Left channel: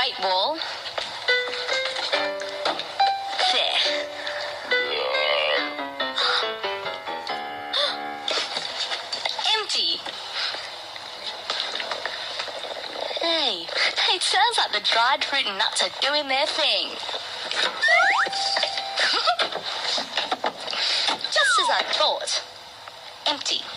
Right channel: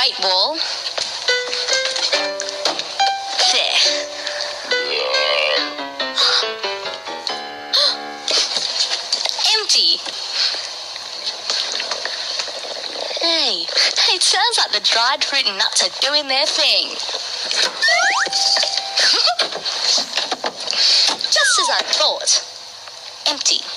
Great Wall. There. Empty. Hey, it sounds like the dried fruit and nuts are doing their thing. Just as I thought. Empty.